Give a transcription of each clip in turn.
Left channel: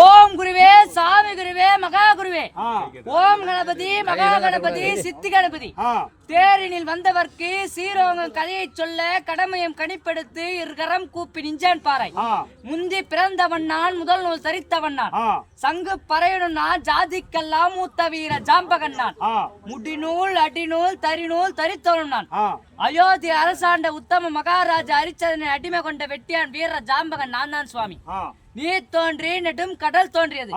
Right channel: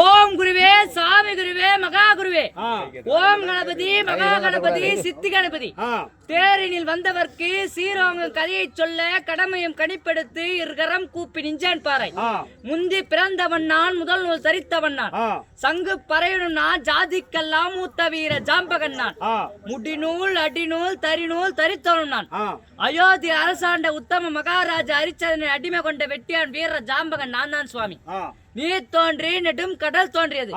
ஓம் குருவே சாமி குருவே மகா குருவே. ஓம் கணபதி மகா கணபதி. சித்தி கணபதி. தேரினில் வந்தவர்க்கு சீரோகம் கதையை சொல்ல கடமையும் கணிப்பெடுத்து இருகரம் கூப்பி நிஞ்சான் பாறை. முந்தி பிறந்தவன் நான் முதல் நூல் தரித்தவன் நான். சங்கு பறையனும் நான் ஜாதிக்கெல்லாம் மூத்த வீர ஜாம்பகன் நான். முடிநூல் அடிநூல் தரிநூல் தரித்தவனும் நான். அயோத்தி அரசாண்ட உத்தம மகாராஜா அரிச்சதனை அடிமை கொண்ட வெட்டியான் வீர ஜாம்பகன் நான் தான் சுவாமி. நீர் தோன்றி நெடும் கடல் தோன்றியது.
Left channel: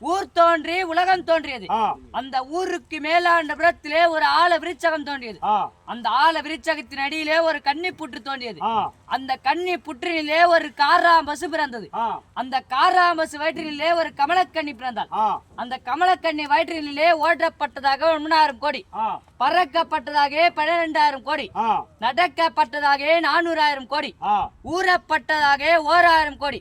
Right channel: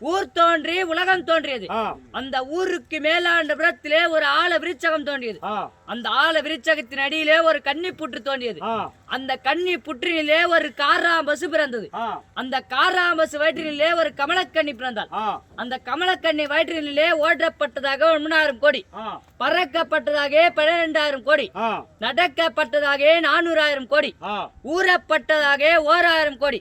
ஊர் தோன்றி உலகம் தோன்றியது. அந்த ஊருக்கு மேலாண்ட புறத்திலே ஒரு ஆல விருச்சகம் தோன்றியது. அந்த ஆல விருச்சகத்தின் அடியிலே ஒரு கன்னி புற்று தோன்றியது. அந்த கன்னி புற்றினிலே ஒரு காராம்பசு பிறந்தது. அந்த காராம்பசு வயிற்றினிலே ஒரு கமலக்கன்னி பிறந்தாள். அந்த கமலக்கன்னி வயிற்றினிலே ஓட்டப்பட்டதாக ஒன்பதாயிரம் கோடி. பறக்கப்பட்டதாக பன்னிரெண்டாயிரம் கோடி. நடக்கப்பட்டதாக நானூறாயிரம் கோடி. ஊறப்பட்டதாக ஓராயிரம் கோடி.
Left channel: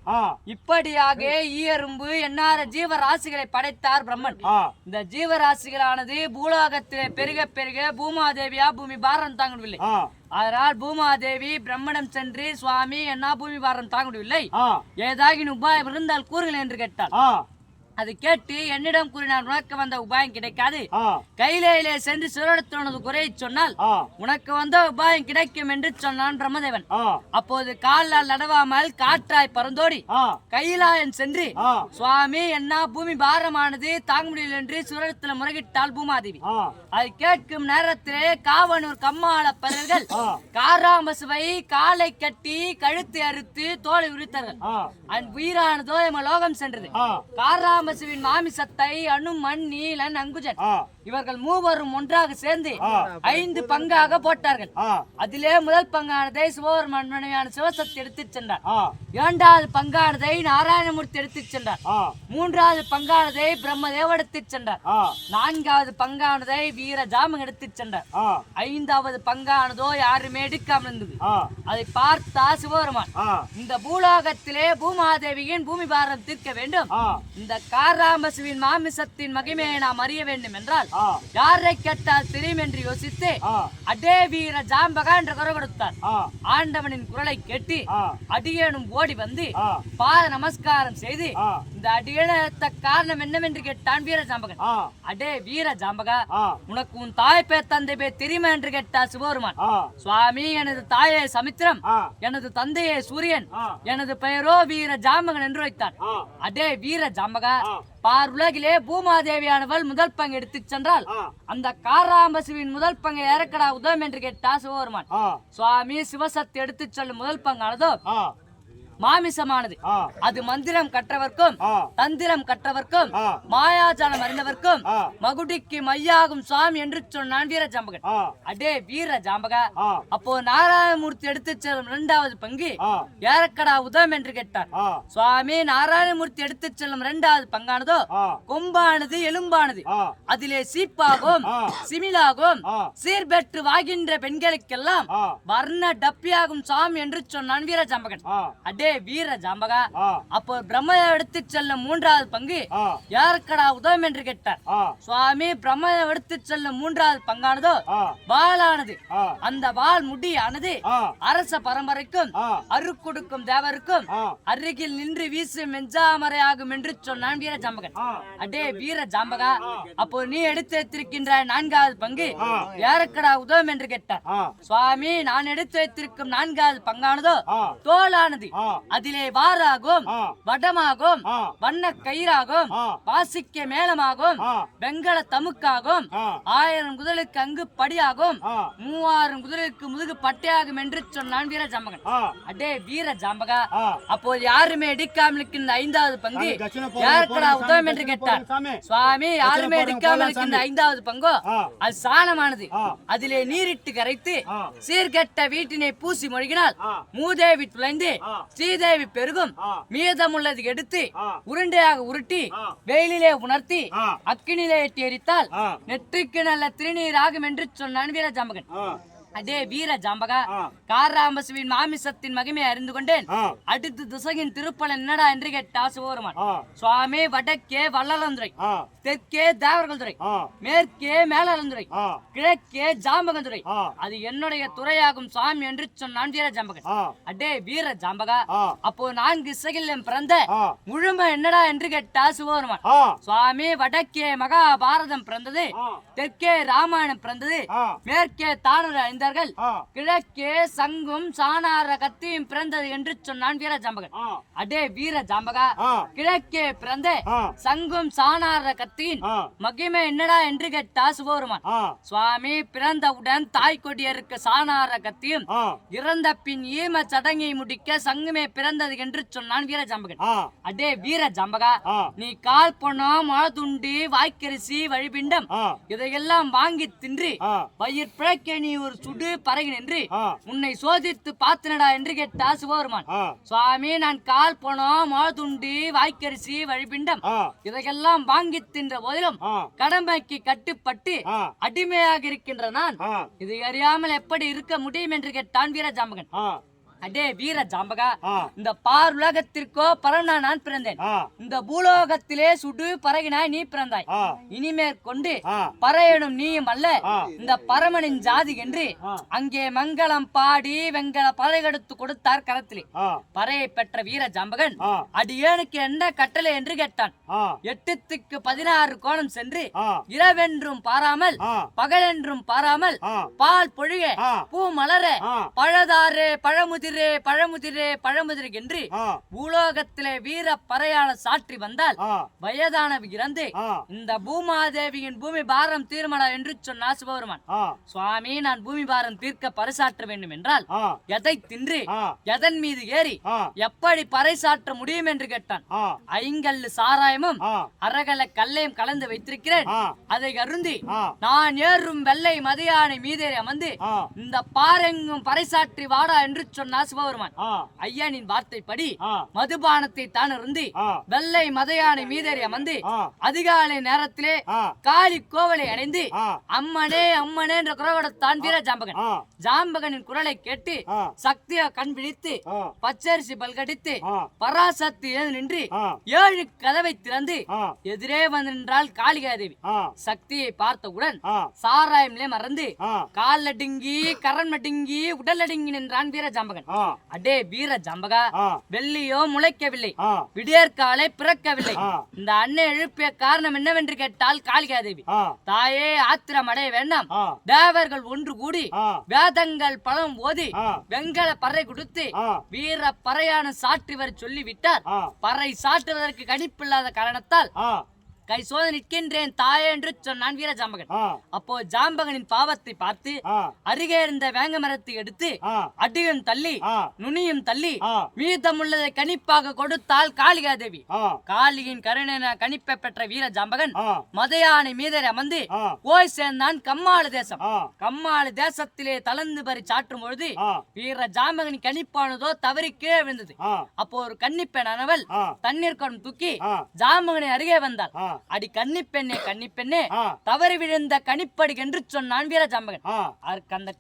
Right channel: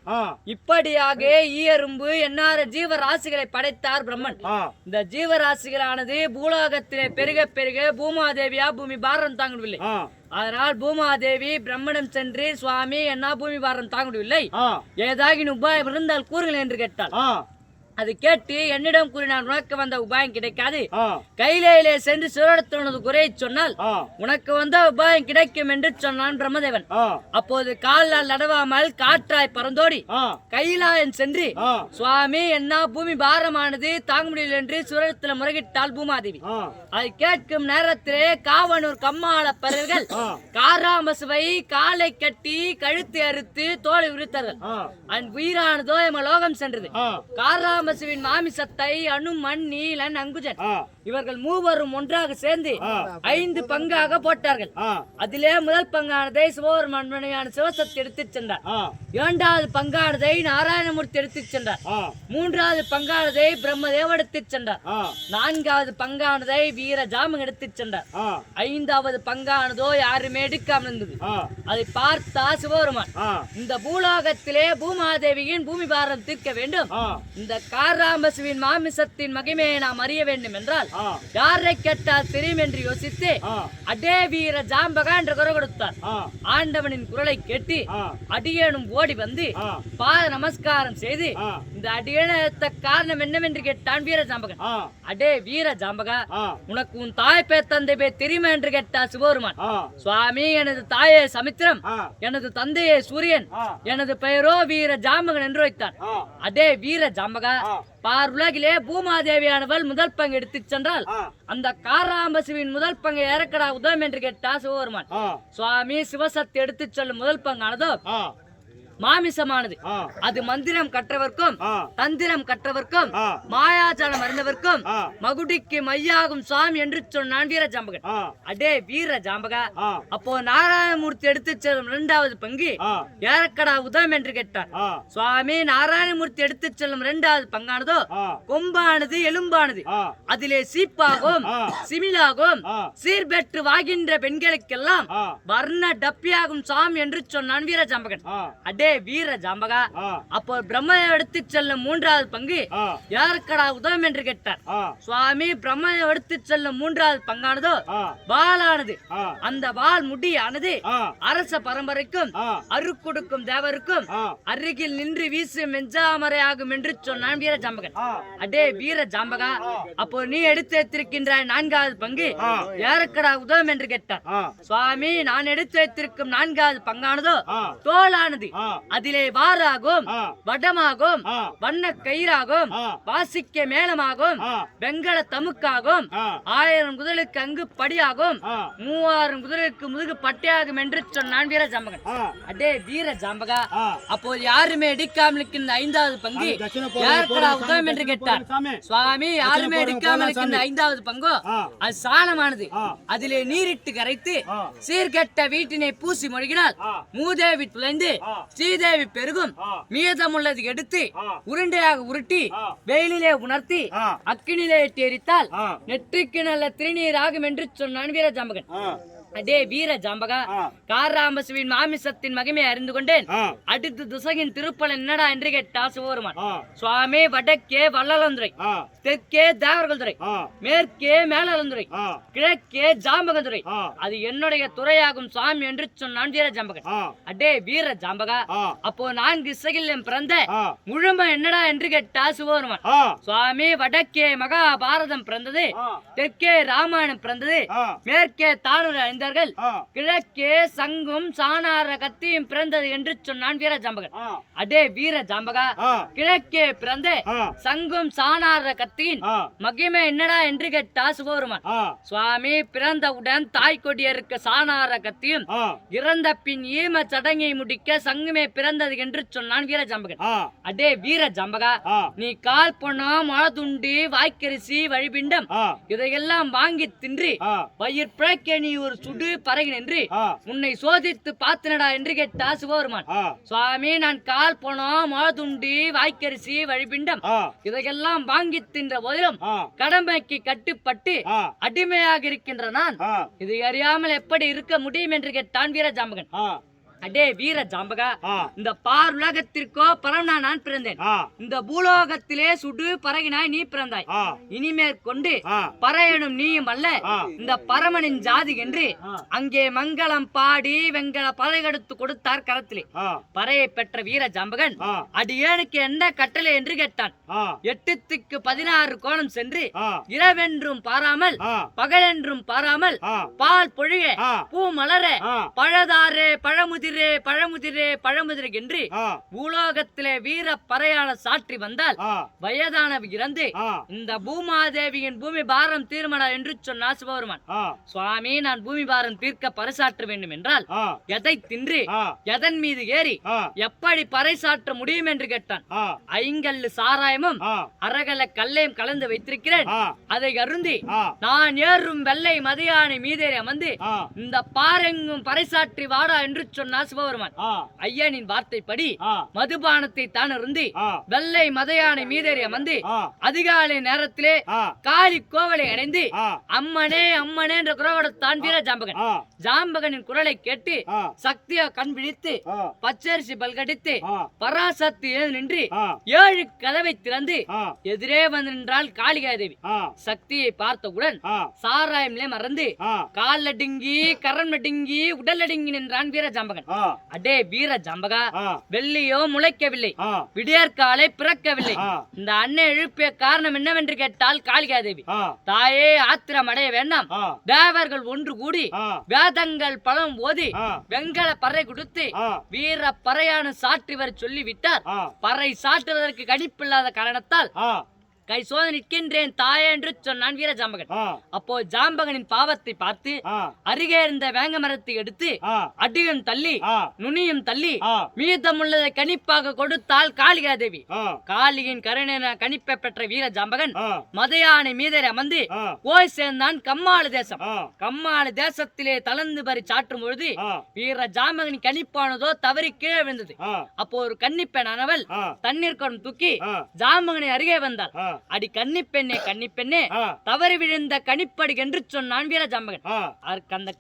இப்படியாக ஈயரும்பு எண்ணார ஜீவராசிகளை படைத்தார் பிரம்மன். இந்த ஜீவராசிகளானது பூலோகத்திலே பெருக பெருக பூமாதேவியா பூமி பாரம் தாங்க முடியவில்லை அதனால் பூமாதேவி பிரம்மனிடம் சென்று சுவாமி என்ன பூமி பாரம் தாங்க முடியவில்லை ஏதாகின் உபாயம் இருந்தால் கூறுங்கள் என்று கேட்டாள். ஆ, அது கேட்டு என்னிடம் கூறினார் உனக்கு வந்த உபாயம் கிடைக்காது. கையிலே சென்று சிவனத்தோனது குறையை சொன்னால் உனக்கு வந்த உபாயம் கிடைக்கும் என்று சொன்னான் பிரம்மதேவன். அப்போது காலால் நடவாமல் காற்றாய் பறந்தோடி கைலாயன் சென்று சுவாமி என்ன பூமி பாரமானது தாங்க முடியல என்று சுரத்தில் முறையிட்டாள் பூமாதேவி. அதை கேட்கும் நேரத்திலே காவனூர் கம்மாள பறவைகள் ஆ, காராமசுவை காலை கட்டி கழுத்து அறுத்து தோலை உரித்தார்கள். உயிரானதோ எம லோகம் சென்றது. ஆ, மாமி மாமிசத்தை அனுமன் நீலன் அங்குஜன். இவர்கள் மூவரும் ஒன்றாக சேர்ந்து. ஐந்து பங்காக போட்டார்கள். அதிலே முதல் பங்கானதை சிவபெருமான் மனைவியான சிவசக்தி எடுத்துச் சென்றார். இரண்டாவது பங்கானதை நாராயணமூர்த்தி எடுத்துச் சென்றார். மூன்றாவது பங்கானதை பிரம்மதேவ எடுத்துச் சென்றார். நான்காவது பங்கானதை வீர ஜாமம் எடுத்துச் சென்றார். ஐந்தாவது பங்கானதோ யாருமே எடுக்காமல் இருந்தது அதை பார்த்தா சிவபெருமான் இந்த பூலோகத்திலே பூமாதேவியின் பூமி பாரம் தீர்க்க வேண்டும். இந்த காராம்பசுவின் மாமிசத்தின் மகிமையை நாம் அறிய வேண்டும் என்றால் யாரை கேட்டால் தெரியும் என்று யோசித்து அடே வீர ஜாம்பகா என்று குரல் கொடுத்தார். ஆண்டவனின் குரலை கேட்டு அடியேனும் ஓடி வந்து பாத நமஸ்காரம் செய்து இந்த அடியேனத்த காரணம் என்னவென்று கேட்டான் வீர ஜாம்பகன். அடே வீர ஜாம்பகா உனக்கு உன் தாய் பேர் தந்தை பேர் தெரியுமா என்று கேட்டார் சிவபெருமான் சுவாமி எனது தாயே சமுத்திரம் எனது தந்தையே சூரியன் எனது பெயரோ வீர ஜாம்பகன் என்று வைத்தான். ஆ, அடே வீர ஜாம்பகா ஆ, பார் உலகிலே பூமாதேவியானவள் முதல் பங்கு எடுத்துச் சென்றால் அந்த காராம்பசுவின் முதல் பங்கை இறக்கடா உதவும் என்று கேட்டா சிவபெருமான். சுவாமி சிவசக்தி எடுத்துச் செல்லும் முதல் பங்கானதோ? மாமிசமானது. அது மந்திரம் கற்றவர்க்கும் தந்திரம் கற்றவர்க்கும் மாயாஜாலம் அறிந்தவர்க்கும் மகுடிக்கு மையாகும் சுவாமி என்று சொன்னான் வீர ஜாம்பகன். அடே வீர ஜாம்பகா. அப்போ நாராயணமூர்த்தி எடுத்துச் செல்லும் இரண்டாவது பங்கு ஏறக்கடா உதவும் என்று கேட்டார். சுவாமி நாராயணமூர்த்தி எடுத்துச் செல்லும் இரண்டாவது பங்கானதோ கொம்பானது எலும்பானது. அதிலே சீப்பாகும். சிமிலாகும் சீர்பெற்று வாகின்ற பெண்களுக்கெல்லாம் வர்ண டப்பியாகும் சாம் என்று சொன்னான் வீர ஜாம்பகன். அடே வீர ஜாம்பகா. அப்போ பிரம்ம எடுத்துச் செல்லும் மூன்றாவது பங்கு யாருக்கடா உதவும் என்று கேட்டார். சுவாமி பிரம்ம எடுத்துச் செல்லும் மூன்றாவது பங்கானதோ வாளானது. அந்த வாள் முடியானது அரச பரம்பரைக்கும் அருக்குடுக்கும் தேவருக்கும் அருகில் நின்று வீசு மெஞ்சாமரை ஆகும் என்று சொன்னான் வீர ஜாம்பகன். அடே வீர ஜாம்பகா அப்போ நீ எடுத்து வைத்திருக்கின்ற நான்காவது பங்கு. யாருக்கடா உதவும் என்று கேட்டார். சுவாமி நான் எடுத்து வைத்திருக்கும் நான்காவது பங்கானதோ ஆ, அதிலே வாராகும் வடமாகும் வண்ண கயிறாகும் வாசிக்க மேளமாகும் வெங்கல தமுக்காகும் ஆயிரம் குதிரைக்கு அங்கு படியாகும் மூவாயிரம் குதிரைக்கு முதுகு பட்டையாகும் என்று சொன்னான் வீர ஜாம்பகன். அடே வீர ஜாம்பகா. அப்போது யாருமே எடுக்காமல் இருக்கின்ற ஐந்தாவது பங்கு யாருக்கடா உதவும் என்று கேட்டார். சுவாமி யாருமே போடலாம், இருக்கின்ற. ஐந்தாவது பங்கோ? அது சாணமானது. அதிலே நீரிட்டு கரைத்து சீர்கெட்ட வீட்டினை பூசி மொழிகினால் மூதேவி துளைந்து ஆ. ஸ்ரீதேவி பெருகும் மீதமுள்ளது எடுத்து உருண்டையாக உருட்டி. வெயிலிலே உணர்த்தி அக்கினிலே இட்டு எரித்தால் நெற்றிக்கு நல்ல திருநீர் ஆகும் என்று சொன்னான் வீர ஜாம்பகன் ஆ, அடே வீர ஜாம்பகா ஆ. காராம்பசுவின் மாமிசத்தின் மகிமை அறிந்து கொண்டேன். அடுத்து திசையின் திருப்பலன் என்னடா என்று கேட்டா சிவபெருமான். சுவாமி வடக்கே வள்ளலந்துறை. தெற்கே தேவர்கள்துறை. மேற்கே மேலாளந்துறை. கிழக்கே ஜாம்பகந்துறை. அது என்னுடைய துறையாகும் சாமி என்று சொன்னான் வீர ஜாம்பகன். அடே வீர ஜாம்பகா. அப்போ நான்கு இசையில் பிறந்த. முழுமை என்னடா என்று கேட்டா சிவபெருமான். சுவாமி வடக்கே மகாபாரதம் பிறந்தது. தெற்கே ராமாயணம் பிறந்தது. மேற்கே தானூர் அணிந்தார்கள் ஆ. கிழக்கே சங்கும் சாணார கத்தியும் பிறந்தது என்று சொன்னான் வீர ஜாம்பகன். அடே வீர ஜாம்பகா. கிழக்கே பிறந்த. சங்கும் சாணார கத்தியின். மகிமை என்னடா என்று கேட்டா சுபோருமான் ஆ. சுவாமி பிறந்தவுடன் தாய் கொடியருக்கு சாணார கத்தியும். இறந்த பின் ஈம சடங்கை முடிக்க சங்குமே பிறந்தது என்று சொன்னான் வீர ஜாம்பகன். அடே வீர ஜாம்பகா. நீ கால் பணம் மழதுண்டு வாய்க்கரிசி வழிபிண்டம். இதையெல்லாம் வாங்கி தின்று. வயிற் பிழைக்க நீ ஒரு சுடு பறகு நின்று. உன்னை சோதித்து பார்த்தனடா என்று கேட்டா சிவபெருமான். சுவாமி நான் கால் பணம் மழதுண்டு வாய்க்கரிசி வழிபிண்டம். இதையெல்லாம் வாங்கி தின்ற போதிலும். கடமைக்கு கட்டுப்பட்டு. அடிமையாக இருக்கின்ற நான். இதை அறியாமல் எப்படி இருக்க முடியும் என்று கேட்டான் வீர ஜாம்பகன் ஆ. அடே வீர ஜாம்பகா. இந்த பார் உலகத்திற்கோ பரவனா நான் பிறந்தேன். இந்த பூலோகத்திலே சுடு பறகினாய் நீ பிறந்தாய் ஆ. இனிமேற்கொண்டு ஆ. பறையனும் நீயும் அல்ல. இந்த பரமனின் ஜாதி என்று. அங்கே மங்களம் பாடி வெங்கல பறைகெடுத்து கொடுத்தார் கரத்திலே. பறையை பெற்ற வீர ஜாம்பகன். அடியேனுக்கு என்ன கட்டளை என்று கேட்டான். எட்டுத்துக்கு பதினாறு கோணம் சென்று. இரவென்றும் பாராமல். பகலென்றும் பாராமல். பால் பொழிய. பூ மலர. பழதாரே பழமுதிரே பழமுதிரே பழமுதிரே என்று. பூலோகத்திலே வீர பறையாள சாற்றி வந்தால் ஆ. வயதானவ இறந்து. இந்த பூமாதேவியின் பூமி பாரம் தீர்மடா என்று சொன்னார் சிவபெருமான். சுவாமி நான் பூமி பாரம் தீர்க்க பறைசாற்ற வேண்டும் என்றால். எதை தின்று. எதன் மீது ஏறி. எப்படி பறைசாற்ற முடியும் என்று கேட்டான். ஐங்கல்லு சாராயமும். அரகல கல்லையும் கலந்து வைத்திருக்கிறேன். அதை அருந்தி. நான் ஏறும் வெள்ளை மதியானை மீதேறி அமர்ந்து. இந்த பாரெங்கும் பறைசாற்றி வாடா என்று சொன்னார் ஆ. ஐயனின் வார்த்தைப்படி ஆ. மதுபானத்தை தான் அருந்தி ஆ. வெள்ளை மதையானை மீதேறி அமர்ந்து ஆ. அதிகாலை நேரத்திலே. காளி கோவலை அடைந்து. அம்மனே அம்மனே என்ற குரலோடத்தான் வீர ஜாம்பகன். ஜாம்பகனின் குரலை கேட்டு. சக்தியா கண் விழித்து. பச்சரிசி பல்கடித்து. பராசக்தி ஏது நின்று. ஏழு கதவை திறந்து. எதிரே வந்து நின்றாள் காளிகாதேவி. சக்தியை பார்த்தவுடன். சாராயம்லே மறந்து. கால் நடுங்கி கரம் நடுங்கி உடல் நடுங்கி நின்றான் வீர ஜாம்பகன். அடே வீர ஜாம்பகா. வெள்ளியோ முளைக்கவில்லை. விடியற்காலை பிறக்கவில்லை. இந்த அன்னை எழுப்பிய காரணம் என்னவென்று கேட்டால் காளிகாதேவி. தாயே ஆத்திரம் அடைய வேண்டாம். தேவர்கள் ஒன்று கூடி. வேதங்கள் பழம் ஓதி. வெங்கல பறை கொடுத்து. வீர பறையான சாற்றிவர் சொல்லிவிட்டார் ஆ. பறை சாற்றுவதற்கு கணிப்பில்லாத காரணத்தால். கை சோதனை நிற்கின்றேன் தாயே என்று சொன்னான் வீர ஜாம்பகன். அப்போ ஜாம்பகனின் பாவத்தை பார்த்து. அருகே இருந்த வேங்க மரத்தை எடுத்து. அடியும் தள்ளி. நுனியும் தள்ளி ஆ. மீதமுள்ளதை கணிப்பாக கொடுத்தாள் காளிகாதேவி ஆ. காளியின் கருணை கணிப்பை பெற்ற வீர ஜாம்பகன். மதையானை மீதரை அமர்ந்து. போய் சேர்ந்தான் கம்மாளு தேசம். கம்மாளு தேசத்திலே தளர்ந்து பறி சாற்றும் பொழுது. வீர ஜாம்பகனின் கணிப்பானதோ தவறி கீழே விழுந்தது. அப்போ ஒரு கன்னிப்பெண்ணானவள் ஆ. தண்ணீர் குடம் தூக்கி. ஜாம்பகனை அருகே வந்தாள் அடி கன்னிப்பெண்ணே ஆ. தவறி விழுந்த கணிப்படி என்று சொன்னான் வீர ஜாம்பகன் ஆ. அதற்கு அந்த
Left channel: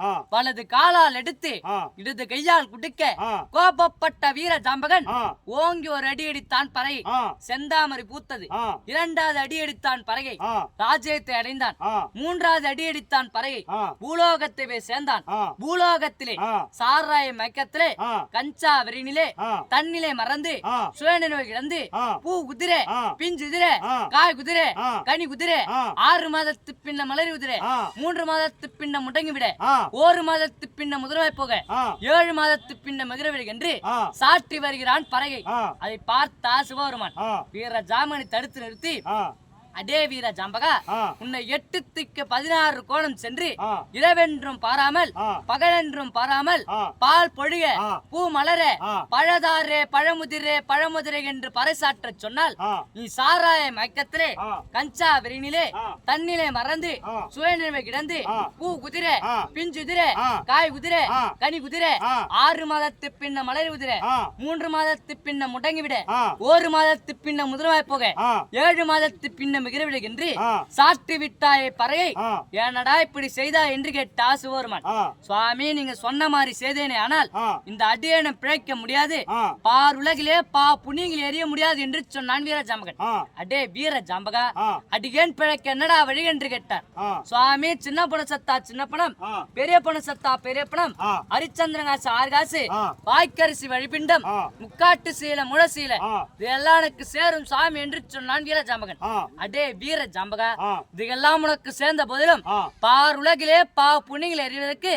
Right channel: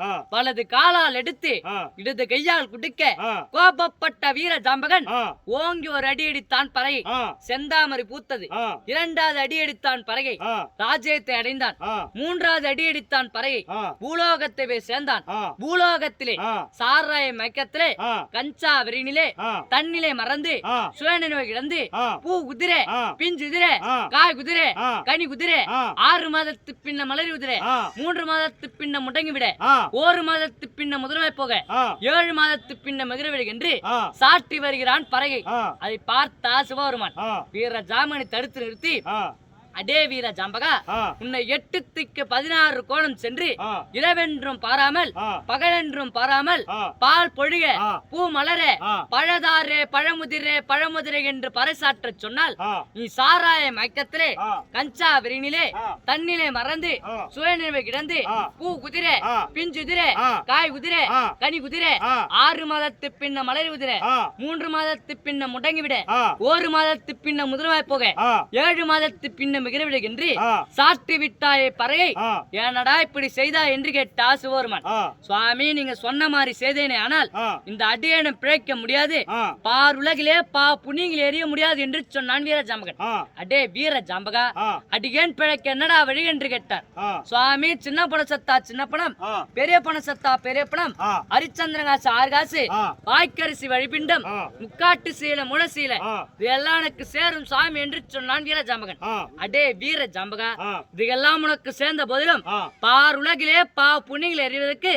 ஆ. வலது காலால் எடுத்து. இடது கையால் குடிக்க. கோபப்பட்ட வீர ஜாம்பகன் ஆ. ஓங்கி ஒரு அடி அடித்தான் பறை. செந்தாமரை பூத்தது. இரண்டாவது அடி அடித்தான் பறகை. ராஜ்யத்தை அடைந்தான். மூன்றாவது அடி அடித்தான் பறகை. பூலோகத்தை போய் சேர்ந்தான். பூலோகத்திலே. சாராய மயக்கத்திலே. கஞ்சா வெறினிலே. தன்னிலே மறந்து. சுயநினைவு இழந்து ஆ. பூ குதிரை. பிஞ்சு குதிரை. காய் குதிரை. கனி குதிரை. ஆறு மாதத்து பின்ன மலரி குதிரை. மூன்று மாதத்து பின்ன முடங்கி விட. ஒரு மாதத்து பின்ன முதலாய் போக. ஏழு மாதத்து பின்ன மகிழவிடு என்று ஆ. சாட்டி வருகிறான் பறகை. அதை பார்த்தா சிவபெருமான். வீர ஜாமனை தடுத்து நிறுத்தி. அடே வீர ஜாம்பகா. உன்னை எட்டுத்துக்கு பதினாறு கோணம் சென்று. இரவென்றும் பாராமல். பகலென்றும் பாராமல். பால் பொழிக. பூ மலர. பழதாரே பழமுதிரே பழமுதிரே என்று பறைசாற்றச் சொன்னால். நீ சாராய மயக்கத்திலே. கஞ்சா விரினிலே. தன்னிலே மறந்து. சுயநினைவை கிடந்து. பூ குதிரை ஆ. பிஞ்சு குதிரை ஆ. காய் குதிரை. கனி குதிரை. ஆறு மாதத்து பின்ன மலர் குதிரை. மூன்று மாதத்து பின்ன முடங்கி விட ஆ. ஒரு மாதத்து பின்ன முதலமாய் போக. ஏழு மாதத்து பின்ன மிகிழ்விடுகின்றி. சாட்டி விட்டாயே பறையை. ஏனடா இப்படி செய்தா என்று கேட்டா சிவபெருமான் ஆ. சுவாமி நீங்க சொன்ன மாதிரி செய்தேனே ஆனால் இந்த அடியனை பிழைக்க முடியாது. பார் உலகிலே பா புண்ணியங்கள் எறிய முடியாது என்று சொன்னான் வீர ஜாம்பகன். அடே வீர ஜாம்பகா அடியேன் பிழைக்க என்னடா வழி என்று கேட்டார். சுவாமி சின்ன பணம் சத்தா சின்ன பணம். பெரிய பணம் சத்தா பெரிய பணம். ஹரிச்சந்திரன் காசு ஆறு காசு. வாய்க்கரிசி வழிபிண்டம். முக்காட்டு சீல முளசீல இதெல்லாம் எனக்கு சேரும் சாமி என்று சொன்னான் வீர ஜாம்பகன். அடே வீர ஜாம்பகா. ஆ. இதுகெல்லாம் உனக்கு சேர்ந்த போதிலும் பார் உலகிலே பா புண்ணியங்களை எறிவதற்கு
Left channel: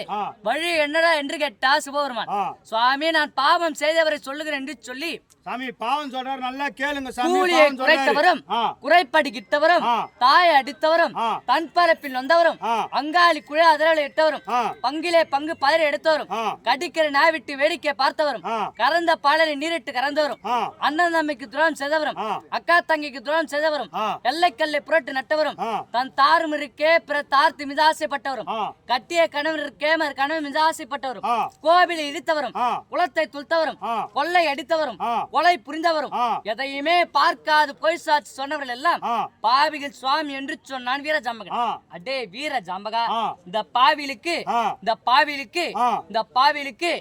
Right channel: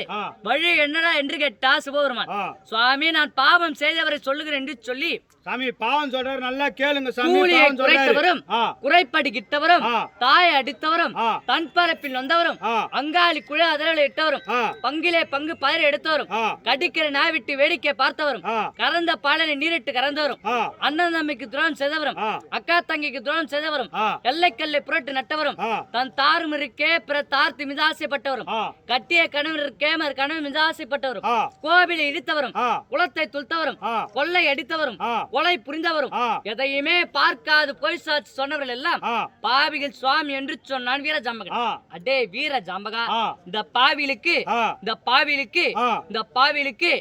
வழி என்னடா என்று கேட்டா சிவபெருமான். சுவாமி நான் பாவம் செய்தவரை சொல்லுகிறேன் என்று சொல்லி சாமி பாவம் சொல்றாரு நல்லா கேளுங்க சாமி கூலியை குறைத்தவரும் ஆ. குறைப்படிக்கிட்டவரும் ஆ. தாயை அடித்தவரும் தன் பரப்பில் வந்தவரும் அங்காளி குழ அதரல் இட்டவரும் பங்கிலே பங்கு பதற எடுத்தவரும் கடிக்கிற நாய் விட்டு வேடிக்கை பார்த்தவரும் கறந்த பாலனை நீரிட்டு கறந்தவரும் அண்ணன் தம்பிக்கு துரோகம் செய்தவரும் அக்கா தங்கிக்கு துரோகம் செய்தவரும் ஆ. எல்லைக்கல்லை புரட்டு நட்டவரும். தன் தாரும் இருக்கே பிற தார்த்து மிதாசைப்பட்டவரும். கட்டிய கணவன் இருக்கே மறு கணவன் மிதாசைப்பட்டவரும். கோவிலை இடித்தவரும். குளத்தை துள்த்தவரும். கொள்ளை அடித்தவரும். கொலை புரிந்தவரும். எதையுமே பார்க்காது பொய் சாட்சி சொன்னவர்கள் எல்லாம் பாவிகள் சுவாமி என்று சொன்னான் வீர ஜாம்பகன். அடே வீர ஜாம்பகா இந்த பாவிலுக்கு இந்த பாவிலுக்கு இந்த பாவிலுக்கு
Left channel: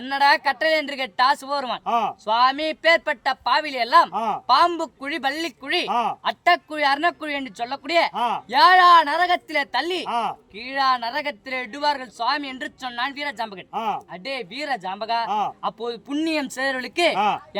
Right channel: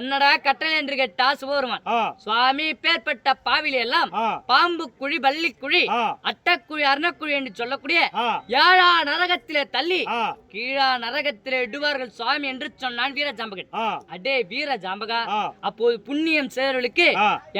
என்னடா கட்டளை என்று கேட்டா சிவபெருமான் சுவாமி பேர்பட்ட பாவிலி எல்லாம் பாம்பு குழி பள்ளி குழி அட்டக்குழி அர்ணக்குழி என்று சொல்லக்கூடிய ஏழா நரகத்திலே தள்ளி கீழா நரகத்திலே இடுவார்கள் சுவாமி என்று சொன்னான் வீர ஜாம்பகன். அடே வீர ஜாம்பகா அப்போது புண்ணியம் செய்தவர்களுக்கு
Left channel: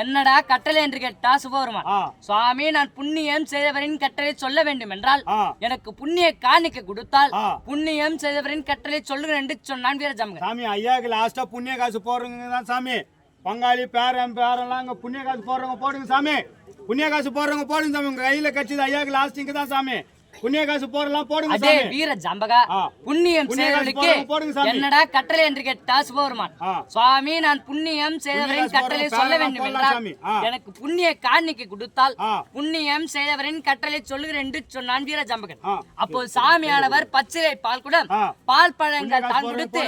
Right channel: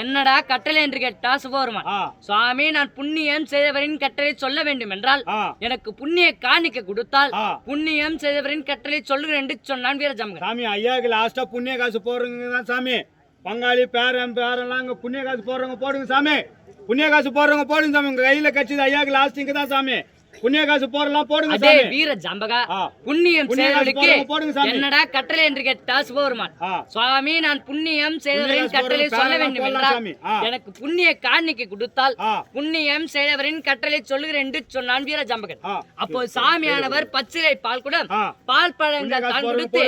என்னடா கட்டளை என்று கேட்டா சிவபெருமான் ஆ. சுவாமி நான் புண்ணியம் செய்தவரின் கட்டளை சொல்ல வேண்டும் என்றால் எனக்கு புண்ணிய காணிக்க கொடுத்தால் புண்ணியம் செய்தவரின் கட்டளை சொல்லுகிறேன் என்று சொன்னான் வீர ஜாம்பகன். சாமி ஐயாவுக்கு லாஸ்டா புண்ணிய காசு போடுறவங்க தான் சாமி. பங்காளி பேரன் பேரெல்லாம் அங்கே புண்ணிய காசு போடுறவங்க போடுங்க சாமி. புண்ணிய காசு போடுறவங்க போடுங்க சாமி. உங்கள் கையில் கட்சி ஐயாவுக்கு லாஸ்ட் தான் சாமி. புண்ணிய காசு போடலாம் போடுங்க அதே வீர ஜாம்பகா புண்ணியம் செய்தவர்களுக்கு. என்னடா கட்டளை என்று கேட்டா சிவபெருமான் சுவாமி நான் புண்ணியம் செய்தவரின் கட்டளை சொல்ல வேண்டும் என்றால். எனக்கு புண்ணிய காணிக்கை கொடுத்தால் புண்ணியம் செய்தவரின் கட்டளை சொல்லுகிறேன் என்று சொன்னான் வீர ஜாம்பகன். அப்போ சாமியானவர் பச்சிலை பால் குடம் ஆ. பால் பழங்கள் தான் கொடுத்து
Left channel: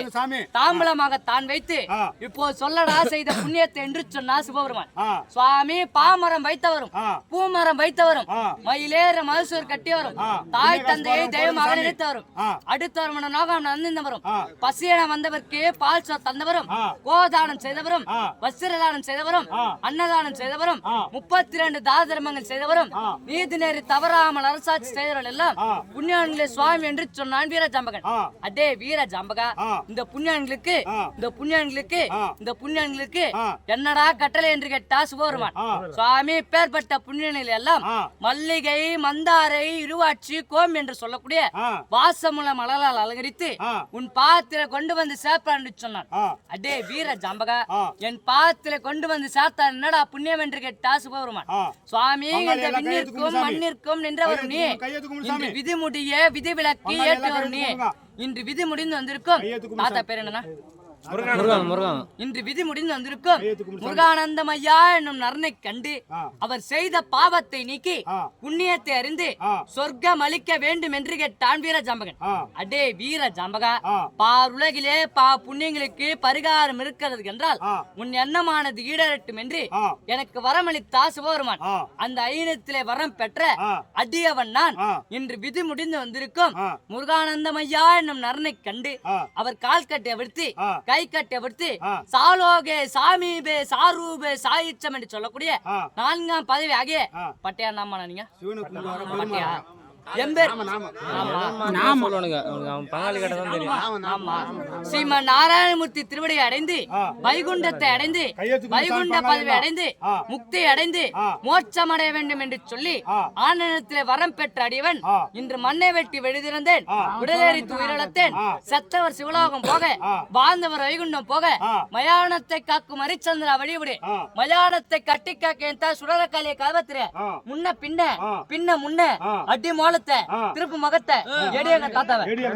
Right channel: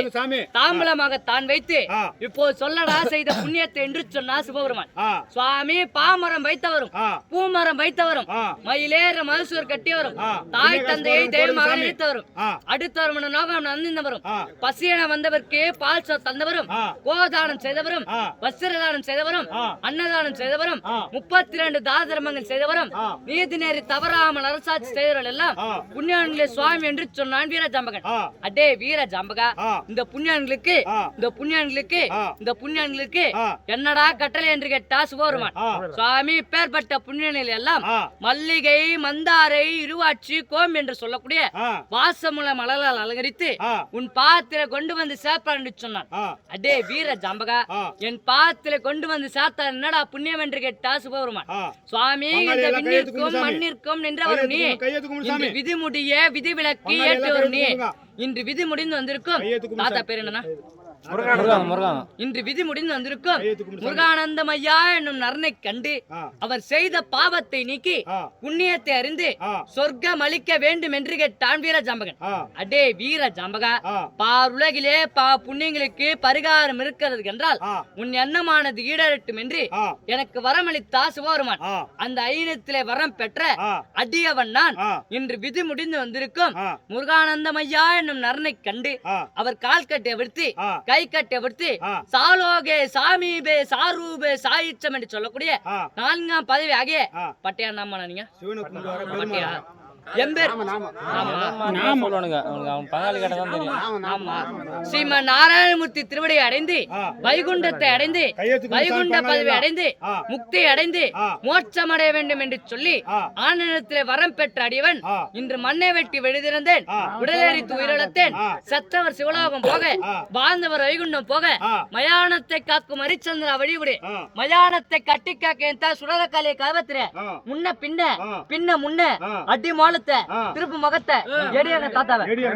தாம்பலமாக தான் வைத்து இப்போ சொல்லடா செய்த புண்ணியத்தை என்று சொன்னார் சிவபெருமான் சுவாமி பாமரம் வைத்தவரும் பூமரம் வைத்தவரும் மயிலேற மகசூர் கட்டியவரும். தாய் தந்தையை தெய்வமாக. நினைத்தவரும் அடுத்தவரும் நோகம் நந்திந்தவரும். ஆ. பசியென வந்தவர்க்கு பால் சோ தந்தவரும். கோதானம் செய்தவரும். வஸ்திரதானம் செய்தவரும். அன்னதானம் செய்தவரும். முப்பத்தி இரண்டு தான தர்மங்கள் செய்தவரும் நீதி நேரி தவறாமல் அரசாட்சி செய்தவர்கள் எல்லாம் ஆ. புண்ணியான்களே சுவாமி என்று சொன்னான் வீர ஜாம்பகன். ஆ. அடே வீர ஜாம்பகா ஆ. இந்த புண்ணியான்களுக்கு இந்த புண்ணியான்களுக்கு இந்த புண்ணியான்களுக்கு என்னடா கட்டளை என்று கேட்டா சுபருமான் ஆ. சுவாமி பேர்பட்ட புண்ணியங்கள் எல்லாம் மல்லிகை மந்தாரை இருவாட்சி கோம் என்று சொல்லக்கூடிய வாசமுள்ள மலரால் அலங்கரித்து உன் பாத்திர கொண்டு வந்து சேர்ப்பான் என்று சொன்னான். அடே வீர ஜாம்பகா என் பாத்திர கொண்டு வந்து சேர்த்தார் என்னடா புண்ணியம் என்று கேட்டா சுபருமான் ஆ. சுவாமி இந்த விண்ணிற்கும். மண்ணிற்கும் நின்றவர் நீ. இன்று சாமி. விதி முடிய விதி விலக்கி பங்காளி எல்லாம் ஏற்றவர் நீ. இன்று விதி முடிந்து வந்திருக்கும். தாத்தா. பேர் என்னன்னா? இன்று விதி முடிந்து வந்திருக்கும். முருகானந்தம் ஐயா என்னும் நரனை கண்டு அவர் செய்த பாவத்தை நீக்கி புண்ணியத்தை அறிந்து சொர்க்கம் அளிக்க வேண்டும் என்று கேட்டான் வீர ஜாம்பகன். அடே வீர ஜாம்பகா பார் உலகிலே பா புண்ணியங்களுக்கு பரிகாரம் இருக்கிறது என்றால் உன் எண்ணமானது ஈடரட்டும் என்று எனக்கு வரமளித்தா சிவபெருமான் அந்த ஐநத்திலே வரம் பெற்ற அடியவன் நான். இன்று விதி முடிந்து வந்திருக்கும் முருகானந்தம் ஐயா என்னும் நரனை கண்டு அவர் கால் கட்டை விடுத்து கை கட்டை விடுத்து சாலோகே சாமீபே சாரூபே சாயிச்சம் என்று சொல்லக்கூடிய நான்காம் பதவி ஆகிய பட்டையா நாம நீங்க. பட்டையா ஸ்ரீமன் நாராயணமூர்த்தி திருவடியை அடைந்து. வைகுண்டத்தை அடைந்து வைகுண்ட பதவி. அடைந்து முக்தி அடைந்து மோட்சம் அடைய வேண்டும் என்று சொல்லி ஆனந்தத்திலே வரம் பெற்ற அடியவன் இன்று மண்ணை வெட்டி வெளிதிறந்தேன் ஆ. உடலேறி உயிரிழத்தேன். சத்தவர் சிவலோகம் போக. வாழ்ந்தவர் வைகுண்டம் போக மயானத்தை காக்கும் ஹரிச்சந்திரா வழிவிடு. மயானத்தை கட்டி காக்க என் தான் சுடர காலியை கவத்திர ஆ. முன்ன பின்ன பின்ன முன்ன ஆ. அடி மாலத்தை ஆ. திருப்பு முகத்தை எடியங்க தாத்தாவை ரெடியா